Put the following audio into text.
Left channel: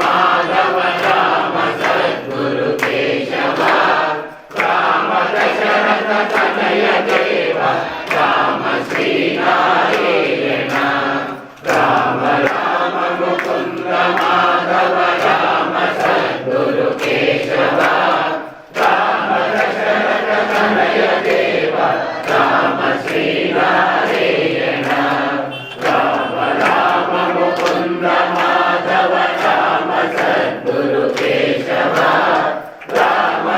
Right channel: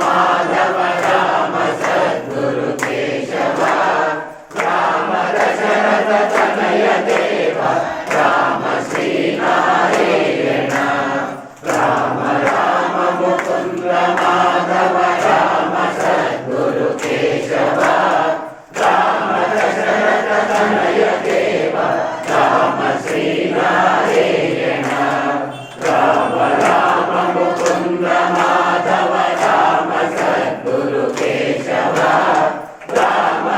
Madhava Rama